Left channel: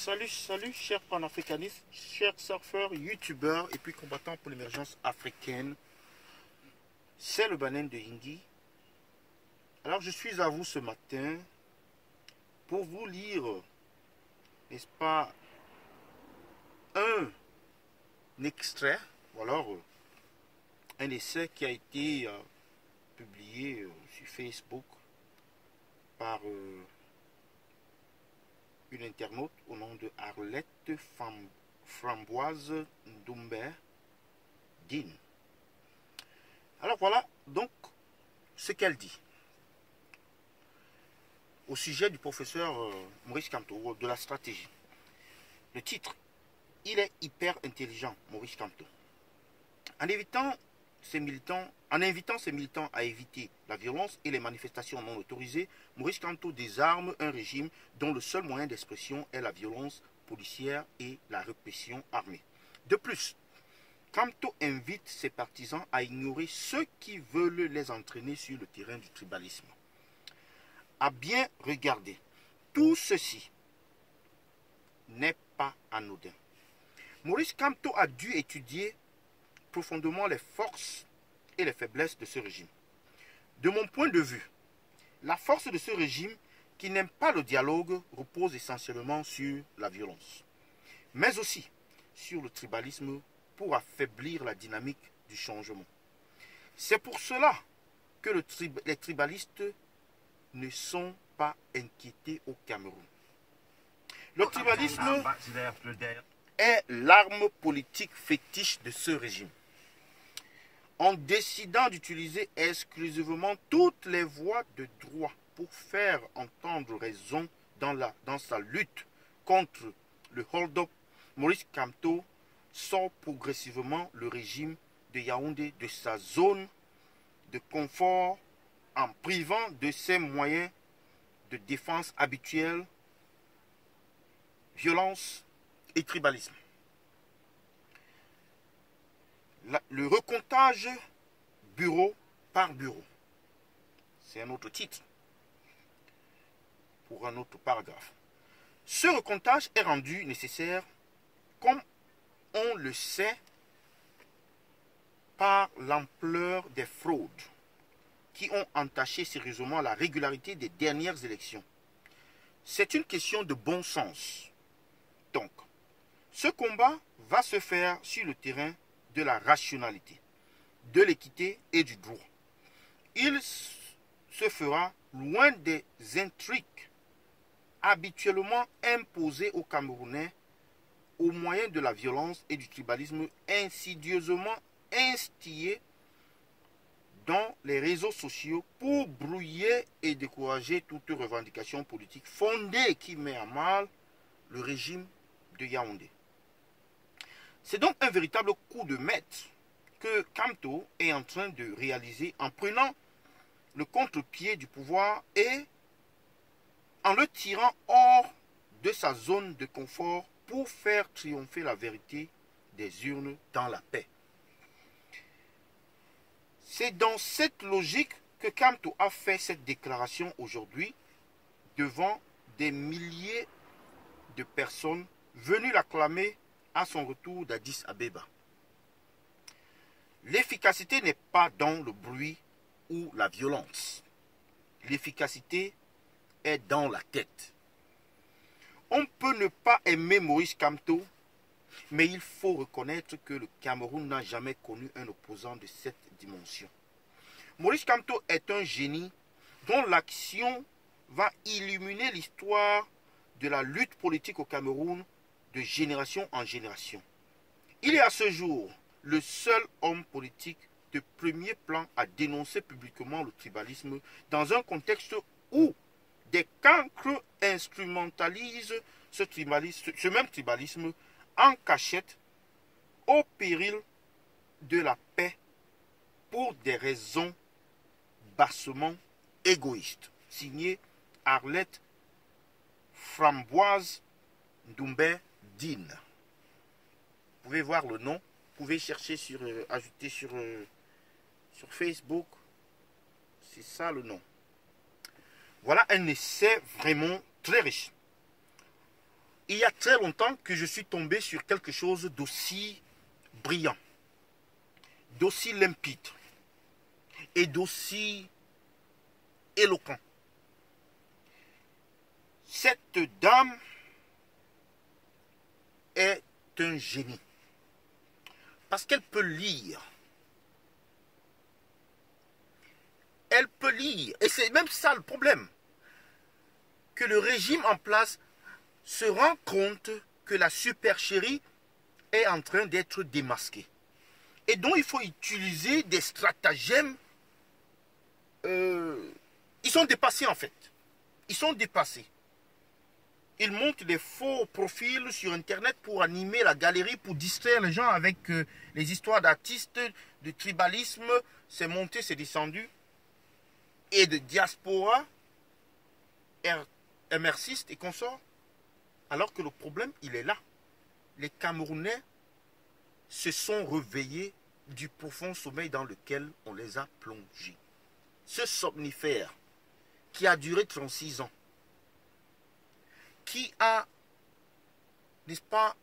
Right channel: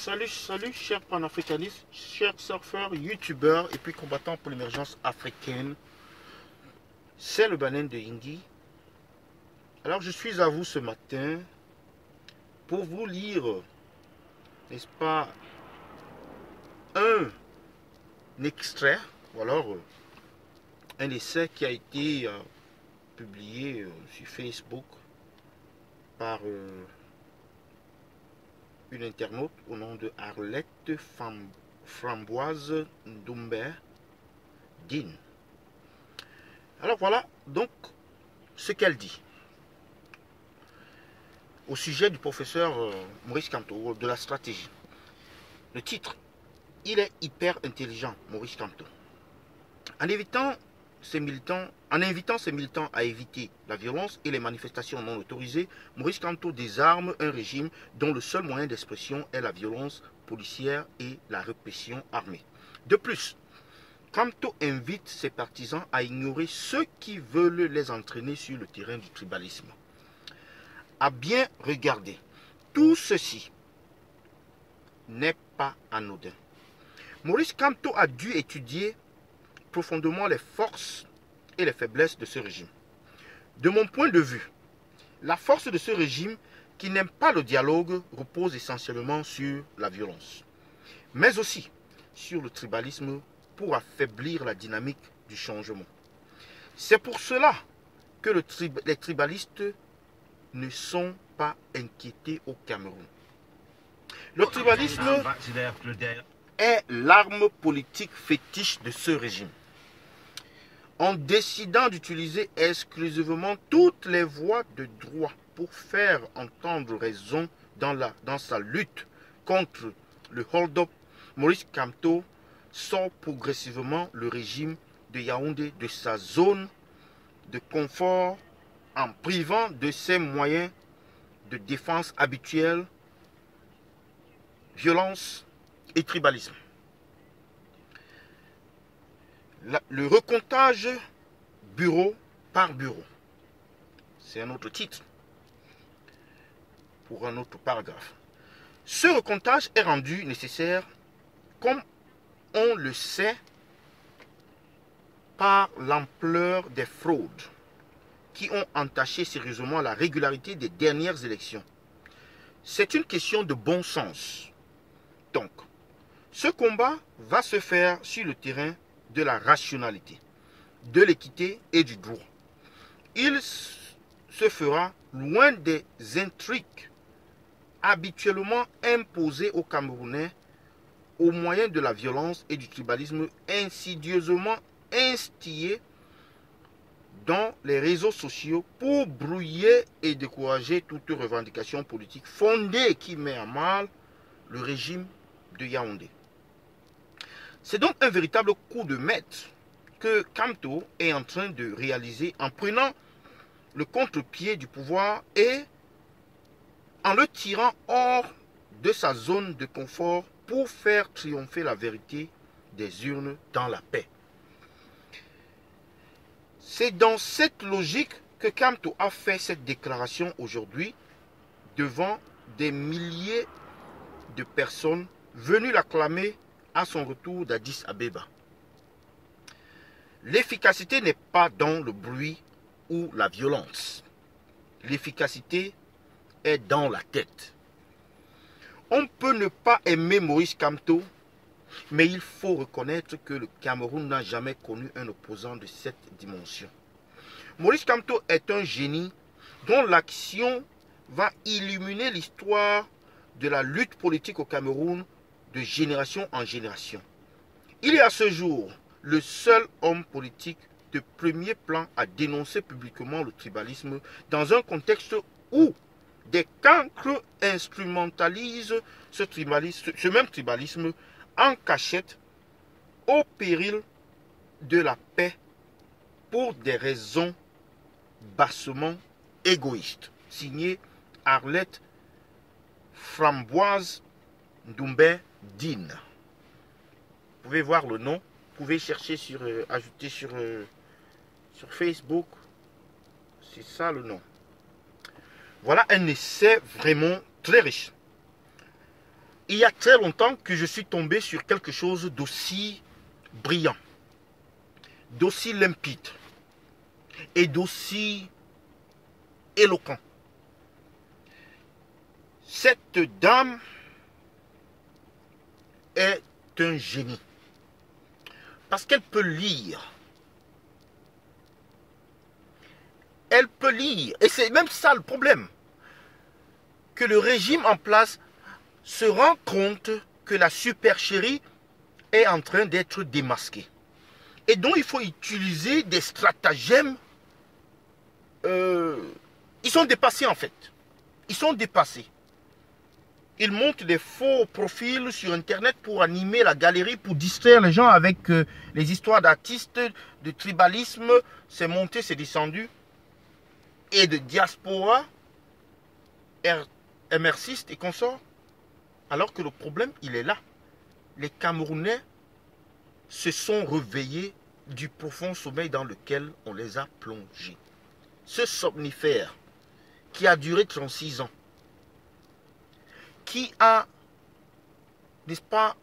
Salut, chers panafricanistes, chers surfeurs, youtubeurs et puis combattants pour l'émergence africaine. C'est le Banen de Hindi. Alors je suis à vous ce matin pour vous lire, n'est-ce pas, un extrait, ou alors un essai qui a été publié sur Facebook par une internaute au nom de Arlette Framboise Ndoumbe Din. Alors voilà donc ce qu'elle dit au sujet du professeur Maurice Kamto, de la stratégie. Le titre: il est hyper intelligent, Maurice Kamto. En invitant ses militants à éviter la violence et les manifestations non autorisées, Maurice Kamto désarme un régime dont le seul moyen d'expression est la violence policière et la répression armée. De plus, Kamto invite ses partisans à ignorer ceux qui veulent les entraîner sur le terrain du tribalisme. À bien regarder, tout ceci n'est pas anodin. Maurice Kamto a dû étudier profondément les forces et les faiblesses de ce régime. De mon point de vue, la force de ce régime, qui n'aime pas le dialogue, repose essentiellement sur la violence, mais aussi sur le tribalisme pour affaiblir la dynamique du changement. C'est pour cela que les tribalistes ne sont pas inquiétés au Cameroun. Le tribalisme est l'arme politique fétiche de ce régime. En décidant d'utiliser exclusivement toutes les voies de droit pour faire entendre raison dans sa lutte contre le hold-up, Maurice Kamto sort progressivement le régime de Yaoundé de sa zone de confort en privant de ses moyens de défense habituels, violence et tribalisme. Le recomptage bureau par bureau, c'est un autre titre pour un autre paragraphe. Ce recomptage est rendu nécessaire, comme on le sait, par l'ampleur des fraudes qui ont entaché sérieusement la régularité des dernières élections. C'est une question de bon sens. Donc, ce combat va se faire sur le terrain de la rationalité, de l'équité et du droit. Il se fera loin des intrigues habituellement imposées aux Camerounais au moyen de la violence et du tribalisme insidieusement instillés dans les réseaux sociaux pour brouiller et décourager toute revendication politique fondée qui met à mal le régime de Yaoundé. C'est donc un véritable coup de maître que Kamto est en train de réaliser en prenant le contre-pied du pouvoir et en le tirant hors de sa zone de confort pour faire triompher la vérité des urnes dans la paix. C'est dans cette logique que Kamto a fait cette déclaration aujourd'hui devant des milliers de personnes venues l'acclamer à son retour d'Addis Abeba. L'efficacité n'est pas dans le bruit ou la violence. L'efficacité est dans la tête. On peut ne pas aimer Maurice Kamto, mais il faut reconnaître que le Cameroun n'a jamais connu un opposant de cette dimension. Maurice Kamto est un génie dont l'action va illuminer l'histoire de la lutte politique au Cameroun de génération en génération. Il est à ce jour le seul homme politique de premier plan à dénoncer publiquement le tribalisme dans un contexte où des cancres instrumentalisent ce même tribalisme en cachette au péril de la paix pour des raisons bassement égoïstes. Signé Arlette Framboise Ndoumbe Din. Vous pouvez voir le nom, vous pouvez chercher ajouter sur Facebook. C'est ça le nom. Voilà un essai vraiment très riche. il y a très longtemps que je suis tombé sur quelque chose d'aussi brillant, d'aussi limpide et d'aussi éloquent. Cette dame est un génie parce qu'elle peut lire. Elle peut lire. Et c'est même ça le problème. Que le régime en place se rend compte que la supercherie est en train d'être démasquée. Et donc il faut utiliser des stratagèmes. Ils sont dépassés en fait. Ils sont dépassés. Ils montent des faux profils sur Internet pour animer la galerie, pour distraire les gens avec les histoires d'artistes, de tribalisme. C'est monté, c'est descendu. Et de diaspora, MRCistes et consorts. Alors que le problème, il est là. Les Camerounais se sont réveillés du profond sommeil dans lequel on les a plongés. Ce somnifère qui a duré 36 ans, qui a, n'est-ce pas,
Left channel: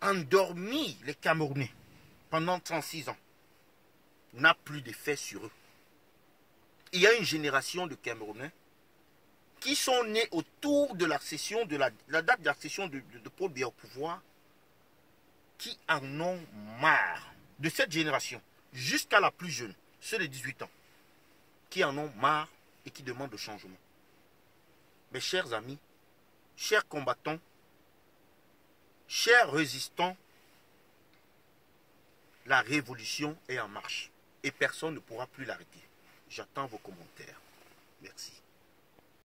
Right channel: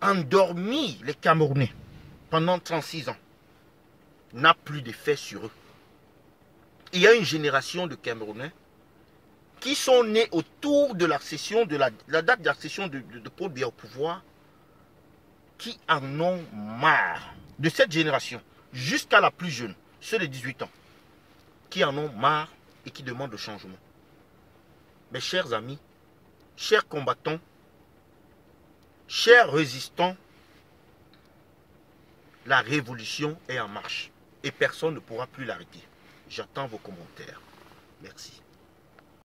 endormi les Camerounais pendant 36 ans, n'a plus d'effet sur eux. Il y a une génération de Camerounais qui sont nés autour de l'accession, de la date d'accession de Paul Biya au pouvoir, qui en ont marre de cette génération, jusqu'à la plus jeune, ceux de 18 ans, qui en ont marre et qui demandent le changement. Mes chers amis, chers combattants, chers résistants, la révolution est en marche et personne ne pourra plus l'arrêter. J'attends vos commentaires. Merci.